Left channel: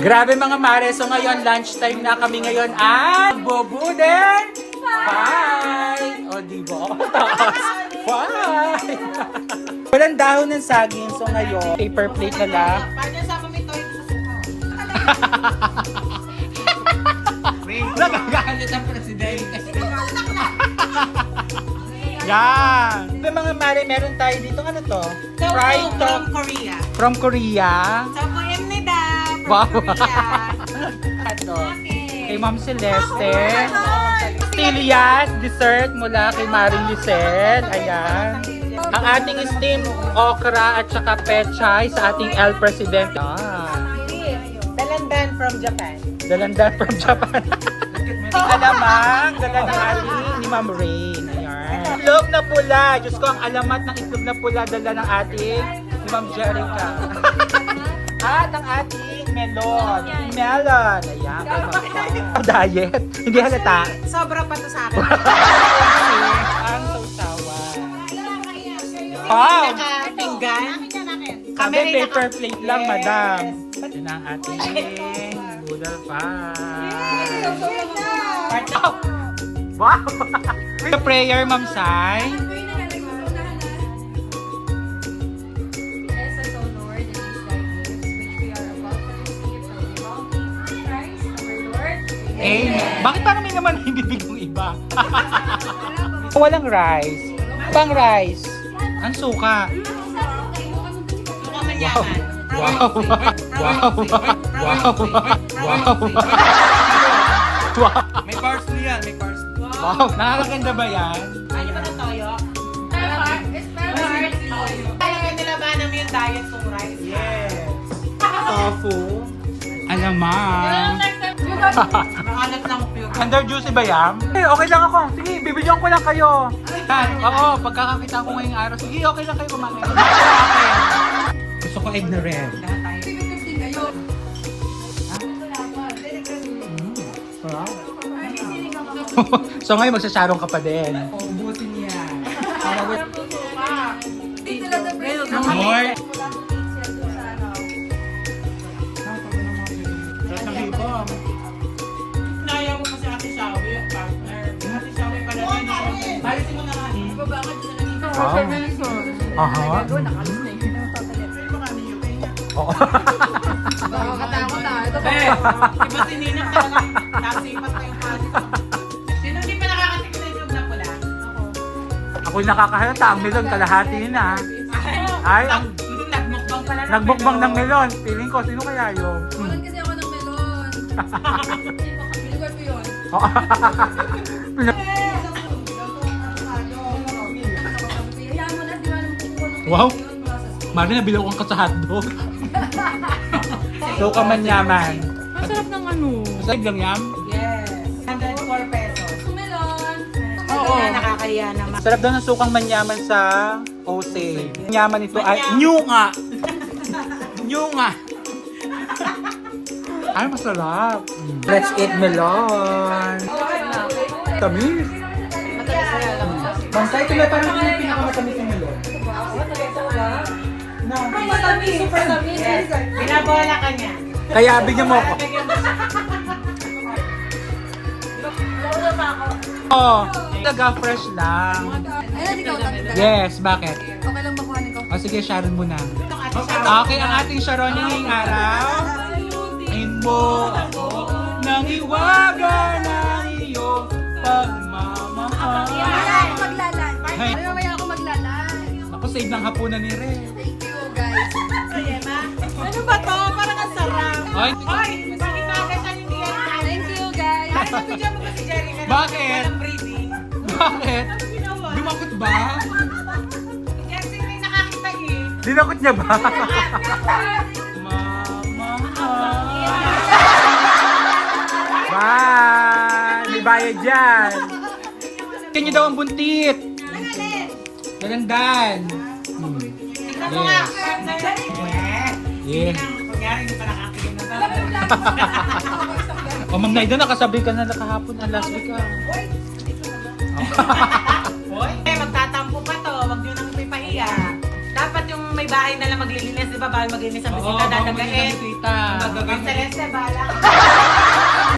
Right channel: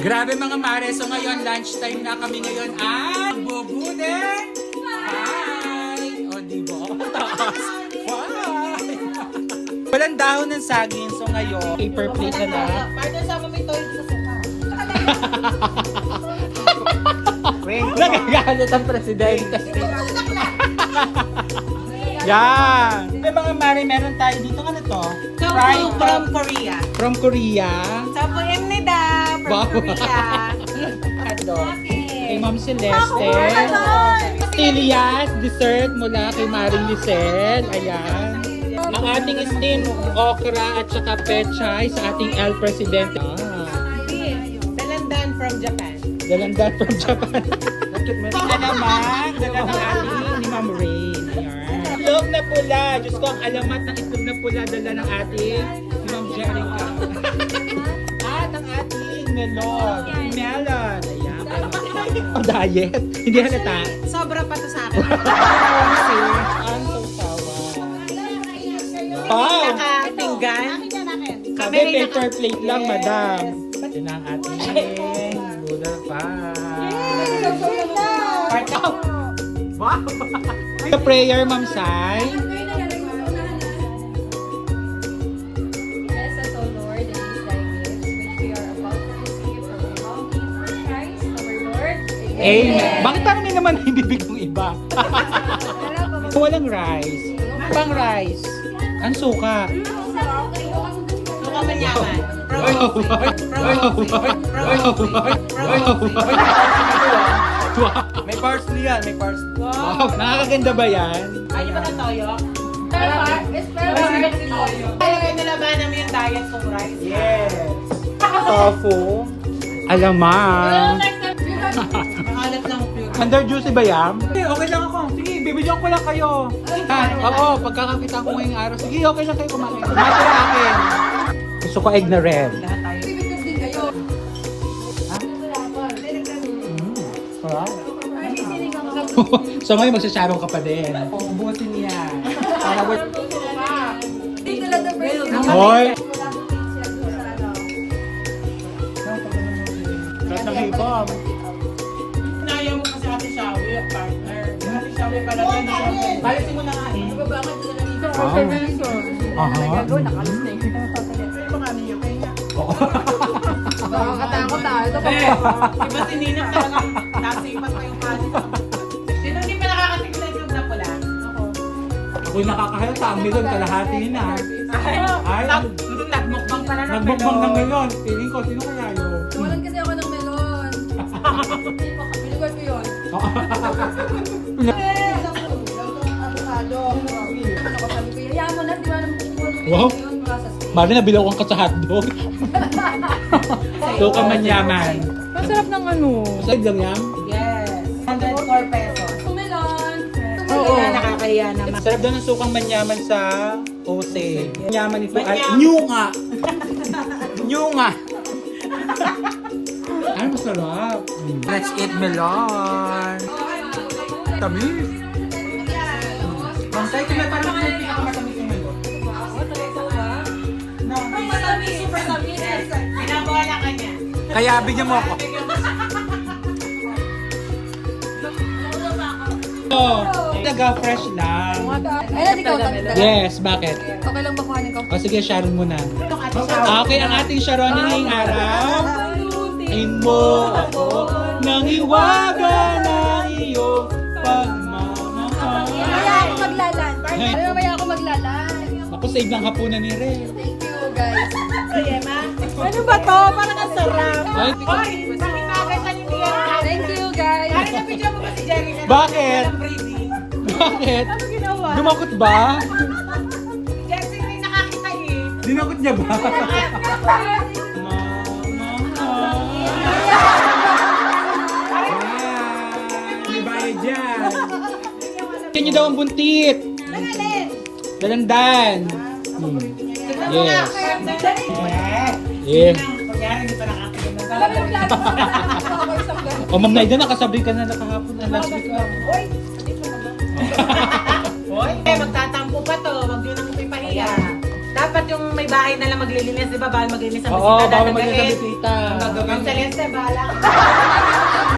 Grabe mga mare, so ngayon lunchtime na kami ngayon at Bobuden Pie! O diba? Pie! Walang dahon ng saging, so ngayon paper plate na lang. Partner, sama mo ito sa suka. Nagagalit ang presidente. Yan! May mga mare, meron tayo dito. Ano to? Fried From Korea. from Korea. So, po Emnida from Wow. Korea. Ito. Kay Ma'am Celeste. Stilias, dessert mula kay Maring Lucel. Ayan. Ang ating steamed okra at saka pechay sa ating El Presidente. Dalandan from Japan. Dalandan from Japan. Alamak. Dalandan ni Ma'am Ray. Ayan. Itlog na pula. Diyos ko, ang alamat ng itlog na pula dala ng ating ni Ma'am Jerica. At ang ating melon. Melon. Ayan. Diet. Hindi halata. Sobra pa to sa akin. Ang sausawan. Wow! Pinggan. Sabi paper plate lang, madam. Yan ang ating noodle pie. Oh! Wow! The prayer, Ma'am Sai. Bless us, O Lord, and these thy gifts, which we are about to receive from the bounty of Christ, our Lord. Amen. Bakit parang may naman hindi bigong iba? Walang rice. Walang rice. Ang suka. Suka manyaman. Wow! Wow! Wow! Wow! Wow! May parsley yan, may parsley. Wow! Nakakaganda ba yan? Ay, ba na toyo? Spell Kaya nilaban namin yung diet kong rice. Yes. Tofu. Alamang. Nakalat lang yung Under juicy ba yan? Okay lang ako. Sige, bibigyan ko lang kayo. Oo, pagkakakita ko ngayong araw, sige, okay lang kayo kumain. Kumain lang ako. Gusto ko egg na red. lahat tayo. So ngayon magsasarong ka pa din. Ubusin yan. Para worth. Dito lang the first. Hoy! Kahit nakipam. Nayaw mo kasi Ate Shawi, partner. Ate Shawi pala din. Balisin mo na nga. Babakad din na dito. Aha. Nakalis na yun. Pero baka niyo kayo niya. Nakakatakot ah. Ito pa. Iba si Nina talagang nasipat pa yung panis. Sino hindi pa nakakatigil ng itlog na pula? Ako. Ako'y nakakahalata. Ang melon, kalahati na. Ay, ang- Nagmukbang pala ng Nagbukbang ng melon. melon. Feeling ko, sino kaya yun? Walan kasi ako ng melon. Biligay ko yun. Wow! Mari na bilaw ang ka sa hotdog. So ka manyaman. Masarap ng ano. Masarap lang yan. Yes. 104 pesos. Melon. Oo. Nakakaya naman. Sarap daw ng sukang manyaman sa Ose. Manyaman ito ay Manyaman. nyunga. Nyunga. Ay, masarap. Let's eat melon. Tamis. Bantay, ito na parang yung pinakamatamis yung melon. No. Matamis, super tamis. Binabola ka niya. Kaya bigyan mo ako. Launa pa ako. Oh, taga fresh lang. Ay, nasi ikaw tanda. Yes, bakit? Okay lang ba kuhanin ko? O sige, Sharon muna. Itong Ate Shawi. Okay, ang ating Sharon ngayong araw. Ayin mo ako nang iwaga ng iyong pagmamahal. Mamaya ako maglalan. Hey. Ay, mamaya ako maglalan. Naku, save ng hapunan ni Re. Thank you, guys. Emma. Ano ba to? Parang ang sarap. Ay, Hoy, pakitagay sa Lilian. Thank you, guys. Ay, nabigyan mo ba si Jerry na Bakit? walang breathing? bakit? Ano ginawa? Gumakot ba? Jesse, may nakakita eh. Dinakot niya ba? Bye! May bayad dyan. Kanya daw ang buntit. Alin? Dalandan. Yes. Yeah. Kunyari, hindi pa nakakita na Alam mo, lalo ako isang ganun. O, Ma'am Naida, nakasabi ka na kahapon na last week. Hoy, magtatampo pa to. Wag nyo nang ipahiya. Dapat dapat yung may bahay na lang maglilinis, di ba? Bawal maglinis ang Oo, bisita, bawal dadagain. maglinis ang bisita. Ang Celeste, bahala.